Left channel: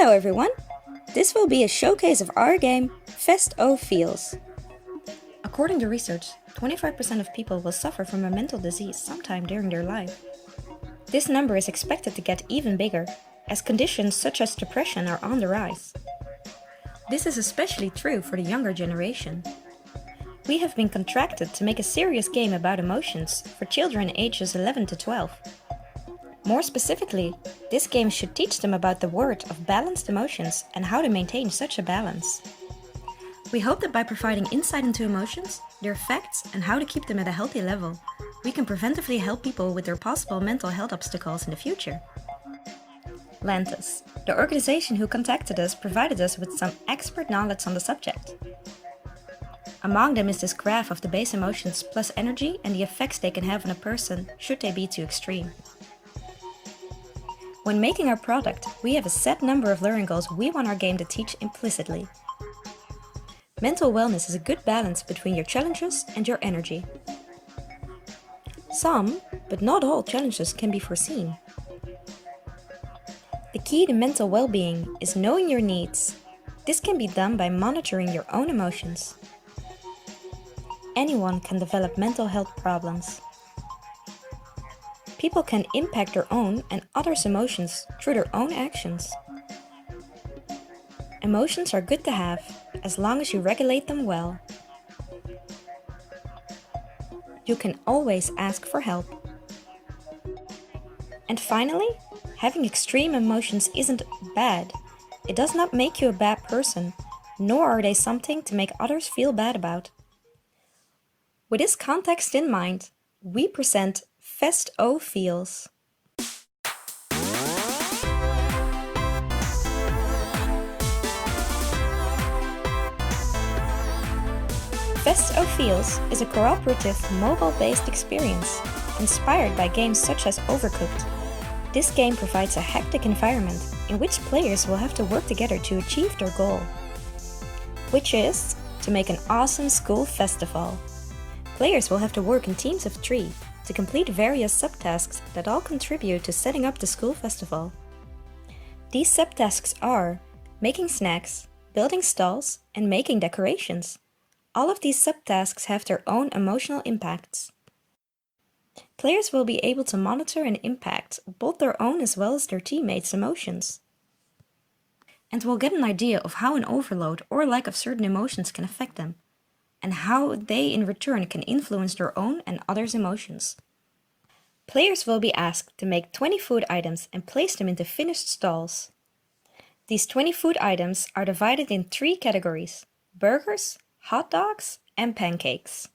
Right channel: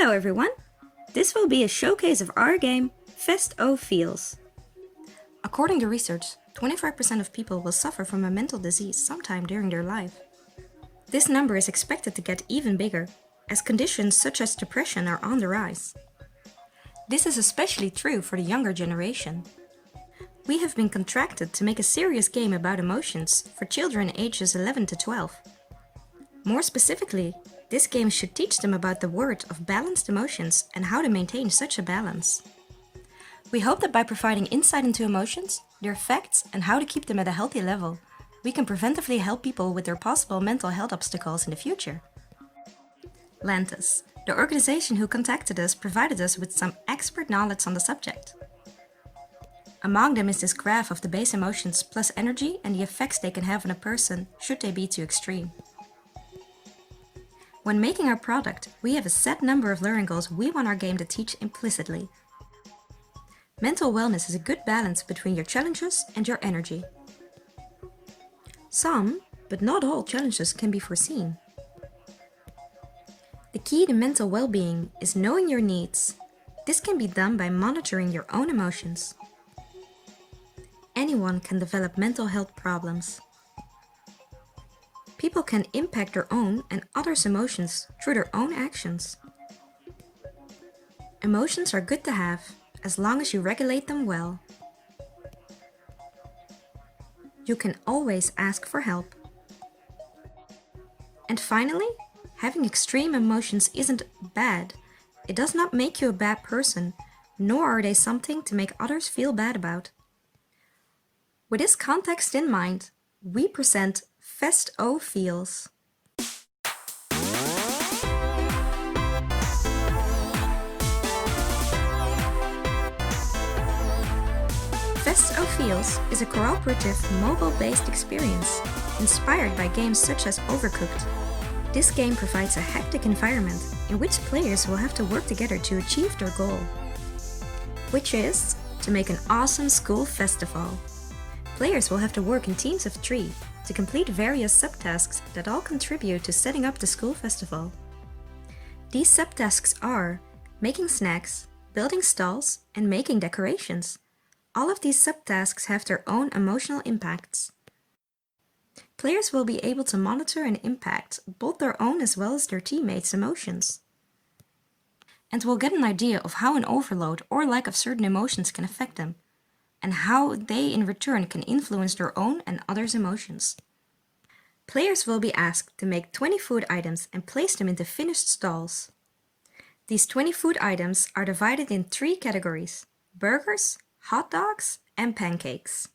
Hello everyone! This will be a showcase of our game, Fest O Feels. According to research, 25% of people will suffer from a mental disease sometime during their life. This number is expected to get even bigger, as conditions such as depression are on the rise. This is especially true for the younger generation. We have been contracted to make a serious game about emotions for children ages 11 to 12. More specifically, this game should teach them about the word of balanced emotions and how to maintain such a balance. We hope that by providing insight into emotions, their effects, and how to keep them at a healthy level, we can preventively help people with their possible mental health obstacles in the future. Lantis, the organization who contacted us, provided us with some expert knowledge on the subject. Among them is this graph of the base emotions plus energy and the effects they can have on a person should they be too extreme. When making our product, we have a set number of learning goals we want our game to teach implicitly. Mental wellness is a good balance between your challenges and your energy. Some, but not all challenges can be foreseen. The key to mental well-being is knowing your needs. This can be done by monitoring your own emotions. Anyone can develop mental health problems. People can impact their own and others' emotions through their own actions. Emotions are good to have, as long as you regulate them well. You can always ask for help. And finally, having extreme emotions isn't bad. It does not make you a bad person, nor are they something to make others feel bad about. With this context in mind, we present Fest O Feels. Fest O Feels is a cooperative, mobile-based experience inspired by games such as Overcooked. This game provides a hectic environment in which players will have to work together to achieve their goal, which is to make an awesome school festival. Players will have to work in teams of 3 to complete various subtasks that all contribute to setting up the school festival. These subtasks are making snacks, building stalls, and making decorations. All of these subtasks have their own emotional impacts. Players will be able to monitor and impact both their own as well as their teammates' emotions, and will get an idea of how an overload or lack of certain emotions can affect them, and how they in return can influence their own and others' emotions. Players will be asked to make 20 food items and place them into finished stalls. These 20 food items are divided in 3 categories: burgers, hot dogs, and pancakes.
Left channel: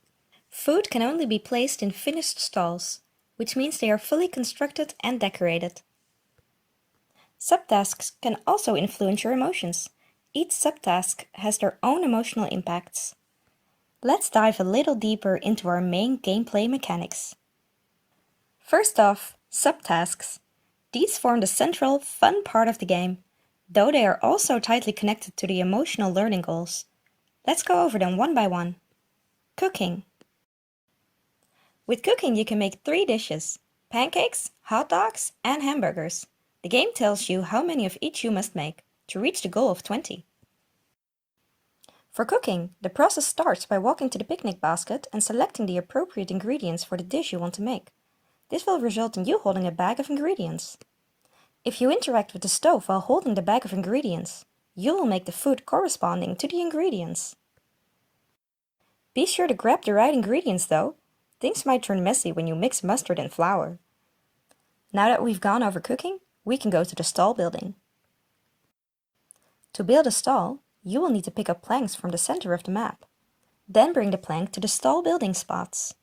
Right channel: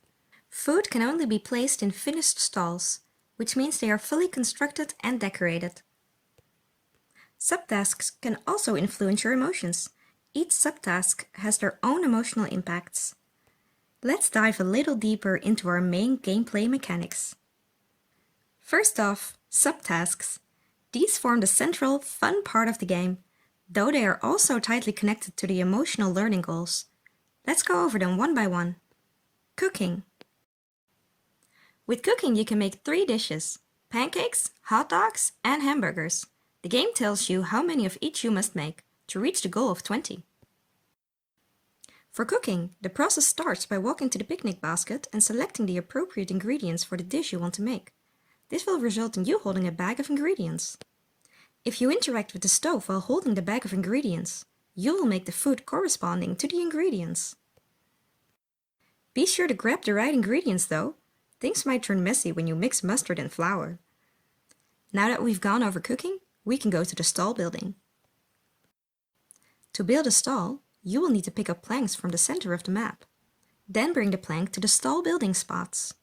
Food can only be placed in finished stalls, which means they are fully constructed and decorated. Subtasks can also influence your emotions. Each subtask has their own emotional impacts. Let's dive a little deeper into our main gameplay mechanics. First off, subtasks. These form the central, fun part of the game, though they are also tightly connected to the emotional learning goals. Let's go over them one by one. Cooking. With cooking, you can make 3 dishes: pancakes, hot dogs, and hamburgers. The game tells you how many of each you must make to reach the goal of 20. For cooking, the process starts by walking to the picnic basket and selecting the appropriate ingredients for the dish you want to make. This will result in you holding a bag of ingredients. If you interact with the stove while holding the bag of ingredients, you will make the food corresponding to the ingredients. Be sure to grab the right ingredients though. Things might turn messy when you mix mustard and flour. Now that we've gone over cooking, we can go to the stall building. To build a stall, you will need to pick up planks from the center of the map. Then bring the plank to the stall building spots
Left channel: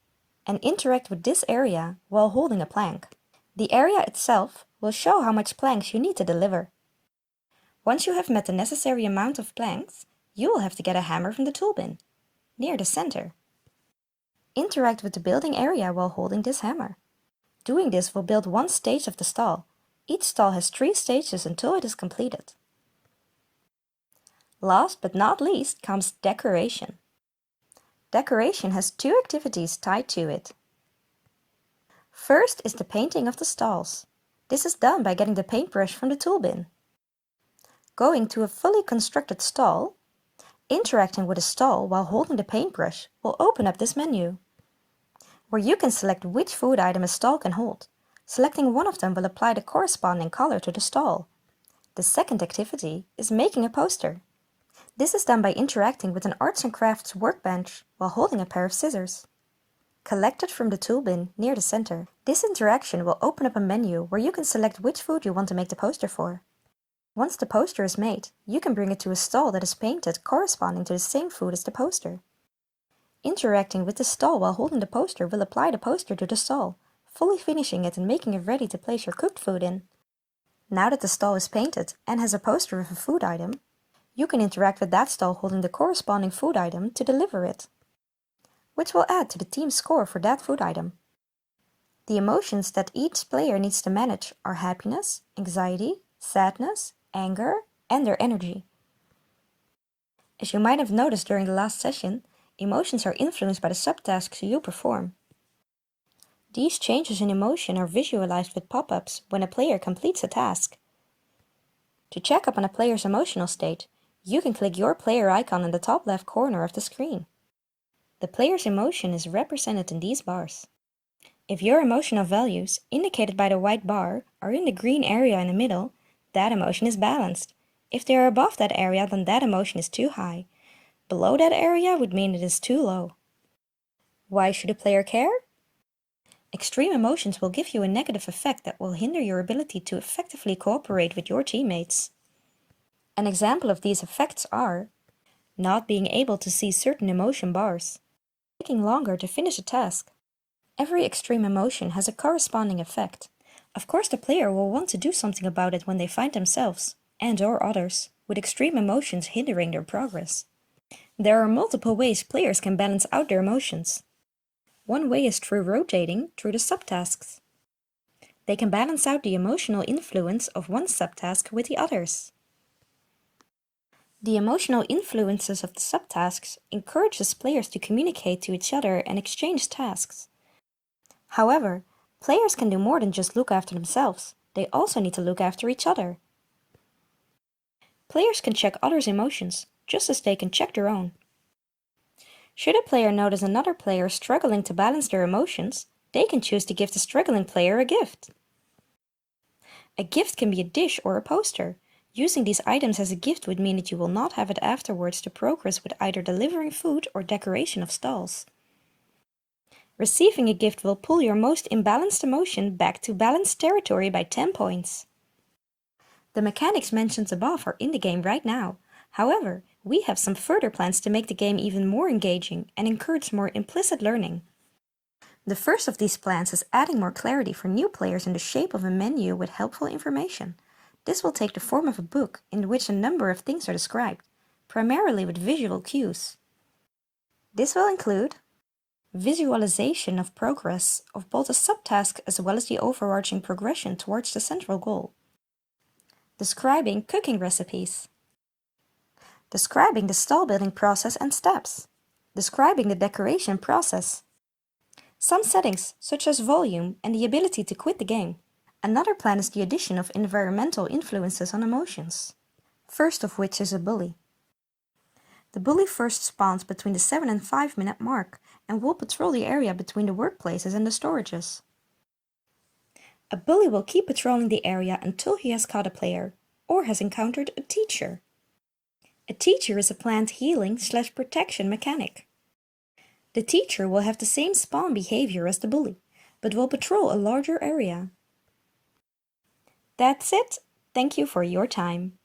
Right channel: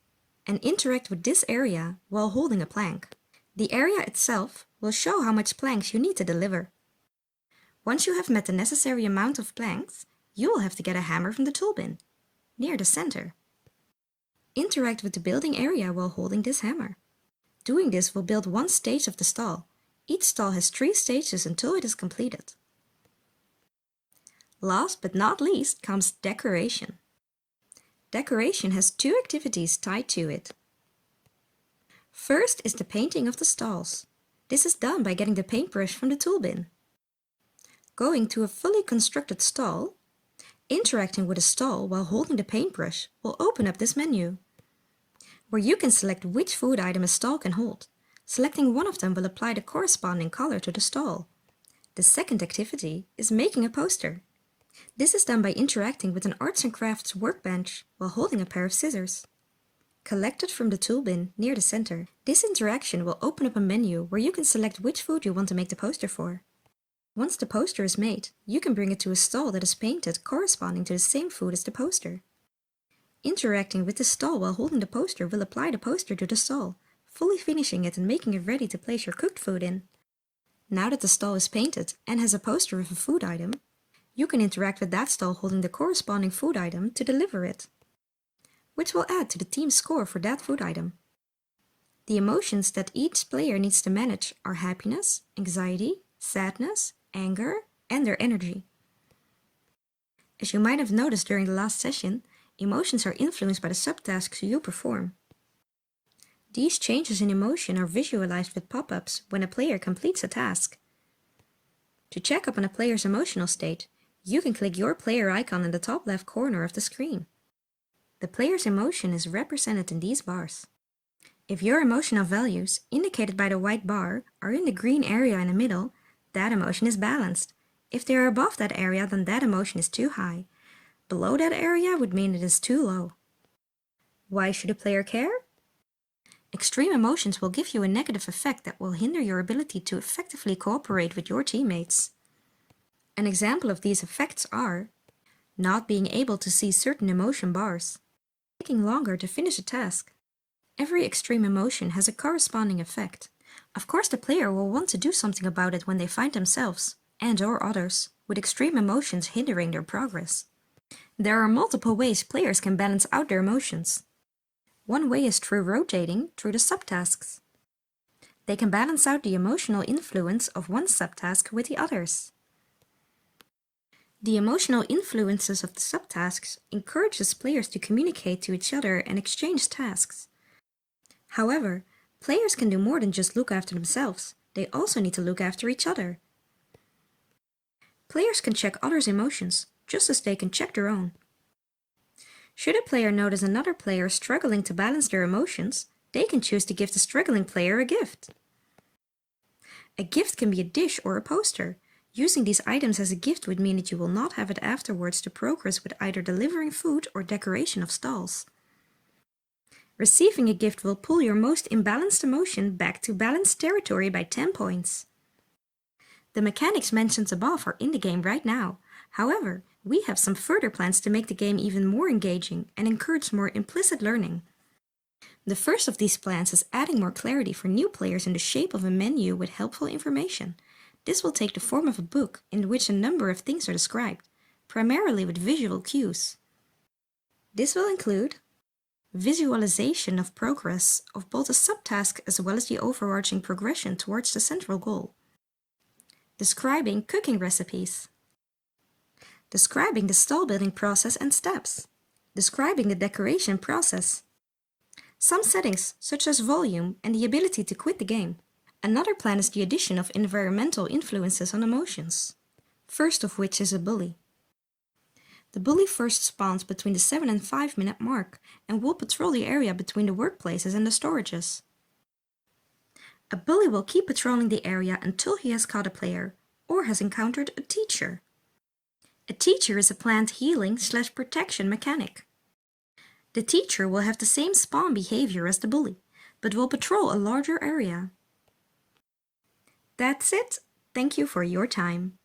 and interact with this area while holding a plank. The area itself will show how much planks you need to deliver. Once you have met the necessary amount of planks, you will have to get a hammer from the tool bin, near the center. Interact with the building area while holding this hammer. Doing this will build 1 stage of the stall. Each stall has 3 stages until it is completed. Last but not least comes decoration. Decoration has 2 activities tied to it. First is the painting of the stalls. This is done by getting the paintbrush from the tool bin. Going to a fully constructed stall, interacting with a stall while holding the paintbrush will open up this menu, where you can select which food item a stall can hold. Selecting one of them will apply the corresponding color to the stall. The second activity is making a poster. This is done by interacting with an arts and crafts workbench while holding a pair of scissors. Collect it from the tool bin near the center. This interaction will open up a menu where you can select which food you want to make the poster for. Once the poster is made, you can bring it to a stall that is painted corresponding to the same food as the poster. Interacting with the stall while holding the poster will apply the poster to the stall, fully finishing it and making it ready to place your cooked food in. Now that the stall is painted and has a poster of a food item, you can interact with that stall holding the corresponding food item to deliver it, which will add to the team's score for that food item. The emotions that each player needs to manage are happiness, anxiety, sadness, anger, and their energy. As you might have noticed during the last session, emotions are influenced by the subtasks you perform. These changes in emotion are visualized with pop-ups when a player completes a task. To check up on a player's emotional state, you can click your player icon in the top left corner of the screen. The player's emotion is represented in these bars. If your emotional values, indicated by the white bar, are in the green area in the middle, that emotion is balanced. If they are above that area, then that emotion is too high. Below that area would mean it is too low. Why should a player care? Extreme emotions will give you a negative effect that will hinder your ability to effectively cooperate with your teammates. An example of these effects are not being able to see certain emotion bars, taking longer to finish a task. Every extreme emotion has a corresponding effect. Of course, the player will want to do something about it when they find themselves, and/or others, with extreme emotions hindering their progress. There are multiple ways players can balance out their emotions. One way is through rotating through the subtasks. They can balance out the emotional influence of one subtask with the others. The emotional influences of the subtasks encourages players to communicate to each other and exchange tasks. However, players can do more than just look after themselves. They also need to look after each other. Players can check others' emotions, just as they can check their own. Should a player notice another player struggling to balance their emotions, they can choose to give the struggling player a gift. A gift can be a dish or a poster. Using these items as a gift would mean that you will not have it afterwards to progress with either delivering food or decoration of stalls. Receiving a gift will pull your most imbalanced emotion back to balanced territory by 10 points. The mechanics mentioned above are in the game right now. However, we have some further plans to make the game even more engaging and encourage more implicit learning. The first of these plans is adding more clarity for new players in the shape of a menu with helpful information. This will take the form of a book in which a number of things are described, primarily with visual cues. This will include visualization of progress of both a subtask as well as the overarching progression towards the central goal. Describing cooking recipes. Describing the stall building process and steps. Describing the decoration process. Some settings, such as volume and the ability to quit the game. Another plan is the addition of environmental influences on emotions, first of which is a bully. The bully first spawns between the 7 and 5 minute mark and will patrol the area between the workplaces and the storages. A bully will keep patrolling the area until he has caught a player or has encountered a teacher. A teacher is a planned healing/protection mechanic. The teacher will have the same spawn behavior as the bully, but will patrol a larger area. That's it. Thank you for your time.